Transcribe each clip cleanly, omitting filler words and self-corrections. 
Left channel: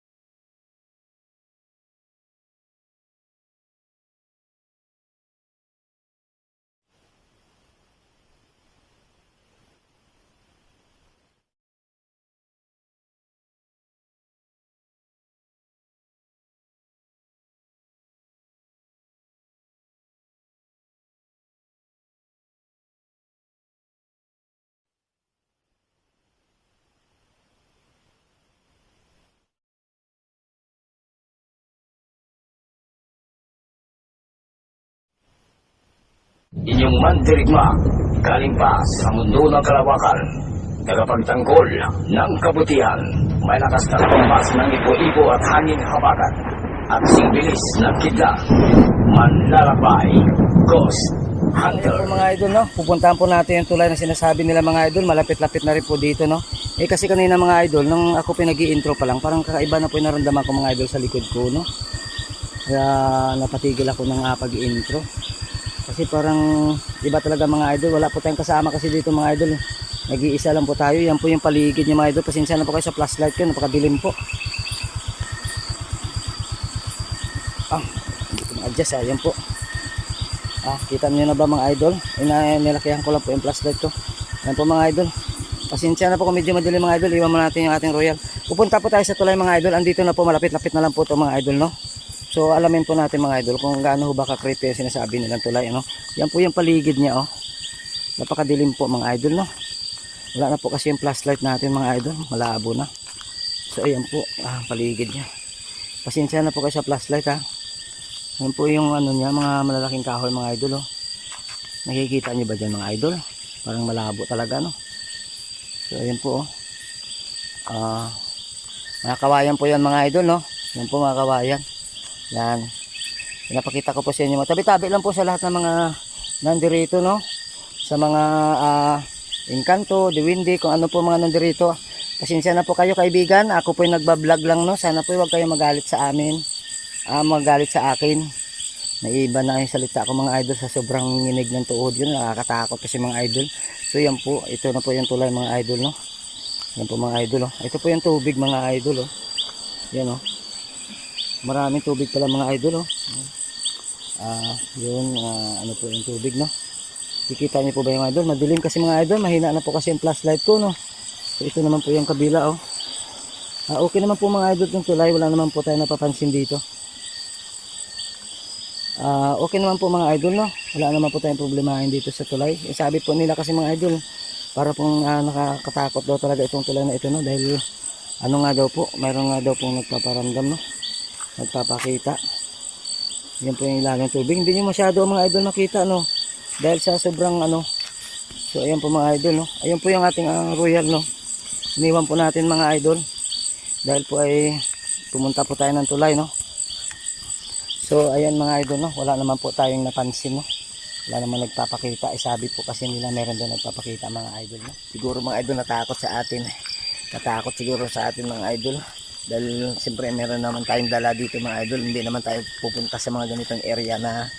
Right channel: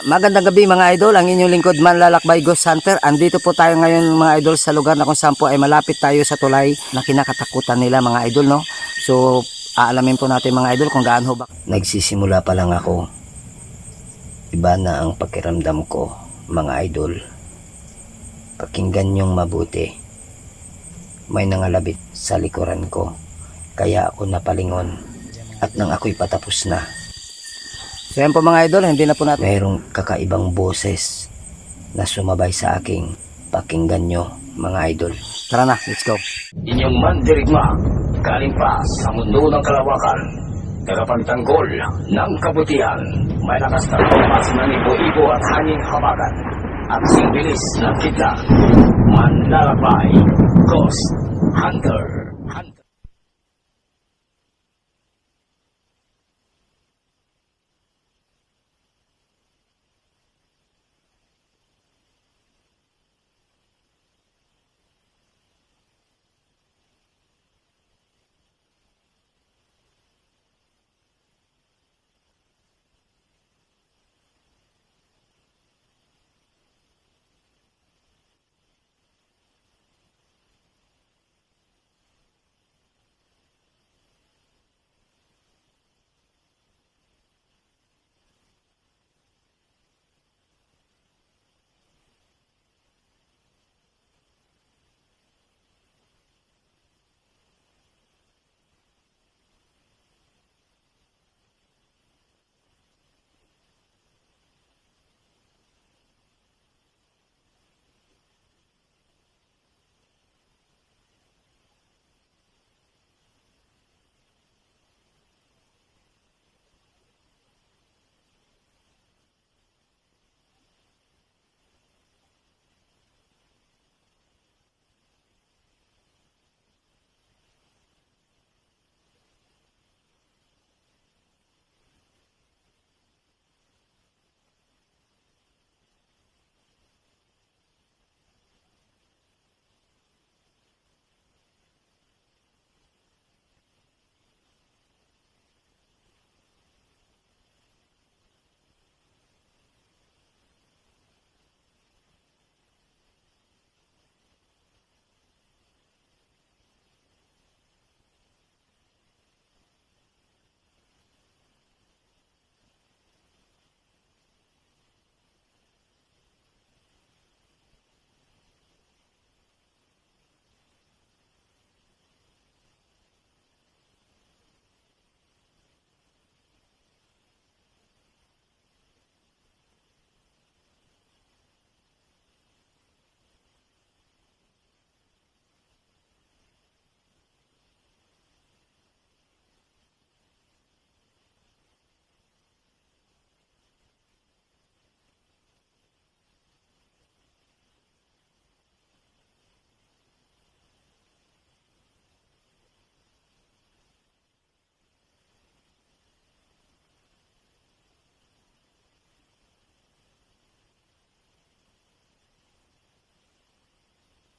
Magandang gabi mga idol, ang inyong lingkod Manlalakbay Ghost Hunter. Andito po tayo ngayon mga idol sa lugar na kung saan po ay malapit tayo sa tulay na kinakatakutan nila mga idol, no? So, aalamin po natin mga idol kung gaano ba. Nagsisimula pa lang ako. Iba na ang pakiramdam ko mga idol. Pakinggan niyong mabuti. May nangalabit sa likuran ko. Kaya ako napalingon. At nang ako'y patapos na. So yan po mga idol, hindi na po natin. Mayroong kakaibang boses na sumabay sa aking pakinggan nyo mga idol. Tara na, let's go. Inyong mandirigma, galing pa sa mundo ng kalawakan, tagapagtanggol ng kabutihan, may lakas na pampas ng ipo-ipo at hangin habagat, at singbilis ng kidlat, Manlalakbay Ghost Hunter. Mga idol, no? Pupuntahan po natin yung tulay na sinasabi nila mga idol. Malapit-lapit na rin po dito, no? Kasi kanina mga idol, nung ako pinag-i-intro pa lang, parang kakaiba na po yung naramdaman ko mga idol sa likod ko, no? Kaya napatigil ako ng pag-i-intro. Kasi parang iba talaga mga idol. Wala po tayong kasama kasi dito mga idol. Nag-iisa lang po tayo. Yan po yung paligid niya mga idol. Pasensya na po kayo sa flashlight ko. Napakadilim po. Hindi ko ma-adjust. Yan po. Kita niyo na ba mga idol? Nilakihan ko lang po yung flashlight ko. Yan po mga idol. Pasensya na po kung medyo madilim mga idol. Iwan mo natin yung ating royal. Pupunta po tayo sa tulay mga idol. Andito na po, malapit-lapit na lang po ito mga idol, no? So alamin po natin mga idol kung gaano ba ka-creepy yung sinasabi nilang tulay, ano? Yan po yung paligid niya, oh. Napakadilim po mga idol, no? Wala na po kasi yung flashlight natin mga idol. Malabo na. So ayan po, paligid niya. Pasensya na po kayo sa flashlight, ha. Yan po yung ano niya, mga malalaking kahoy mga idol, oh. Nakikita niyo ba dyan mga idol? Parang malabo talaga, no? So ayan po, oh. Mga kawayan po yan mga idol, no? Yan po mga kawayan. Yan. Pinapakita ko po sa inyo. Tabi-tabi lang po sa lahat ng mga nandirito, no? Sa mga Encanto, Diwindi, kung ano po mga nandirito. Pasensya na po kayo kaibigan. Ako po yung nagbablog lang, no? Sana po huwag kayo magalit sa amin. Magalit sa akin. Naiba na yung salita ko mga idol sa sobrang nginig ng tuhod yun. Nakakatakot kasi mga idol. So yan po. Ito na po yung tulay mga idol, no? Yan po mga idol, oh. Ito po yung tubig mga idol, oh. Yan, oh. Maraming tubig pala mga idol, oh. Yun, ano po yung tubig, no? Kikita niyo po ba yung idol? Madilim kasi mga idol, mahina na po kasi yung flashlight ko, no? So ito naman po yung kabila, oh. Okay naman po mga idol yung tulay, wala naman po tayo napapansin dito. Okay naman po mga idol, no? Wala naman po tayong problemahin dito sa tulay. Sabi po nila kasi mga idol, para pong nakakatakot daw talaga itong tulay na ito, no? Dahil ano nga daw po, mayroon nga daw pong nagpaparamdam, no? Nagpapakita. Yan po yung ilalim ng tubig. Hindi nyo masyado mga idol makita, no? Dahil sa sobrang ano. So ayan po mga idol, no? Ayan po yung ating royal, no? Iniwan po natin mga idol. Dahil po ay pumunta po tayo ng tulay, no? So ayan mga idol, no? Wala naman po tayong napansin, no? Wala naman nagpapakita. Sabi po kasi nila meron doon nagpapakita mga idol, no? Siguro mga idol natakot sa atin. Natakot siguro sa atin mga idol. Dahil siyempre meron naman tayong dala dito mga idol. Hindi naman tayo pupunta sa mga ganitong area na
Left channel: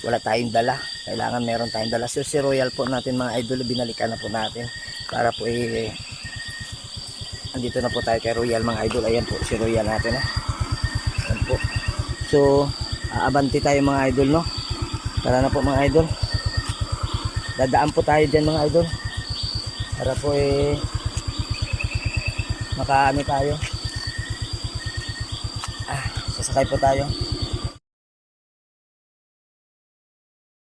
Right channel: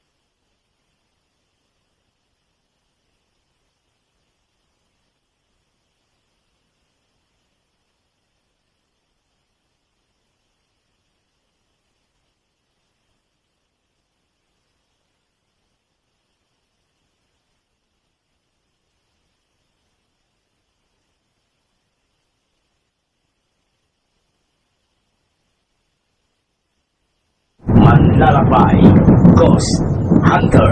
wala tayong dala. Kailangan meron tayong dala. So si royal po natin mga idol, binalikan na po natin. Para po andito na po tayo kay royal mga idol. Ayan po si royal natin, ayan po. So aabanti tayo mga idol, no? Tara na po mga idol. Dadaan po tayo dyan mga idol. Para po makaano tayo. Sasakay po tayo. Manlalakbay Ghost Hunter.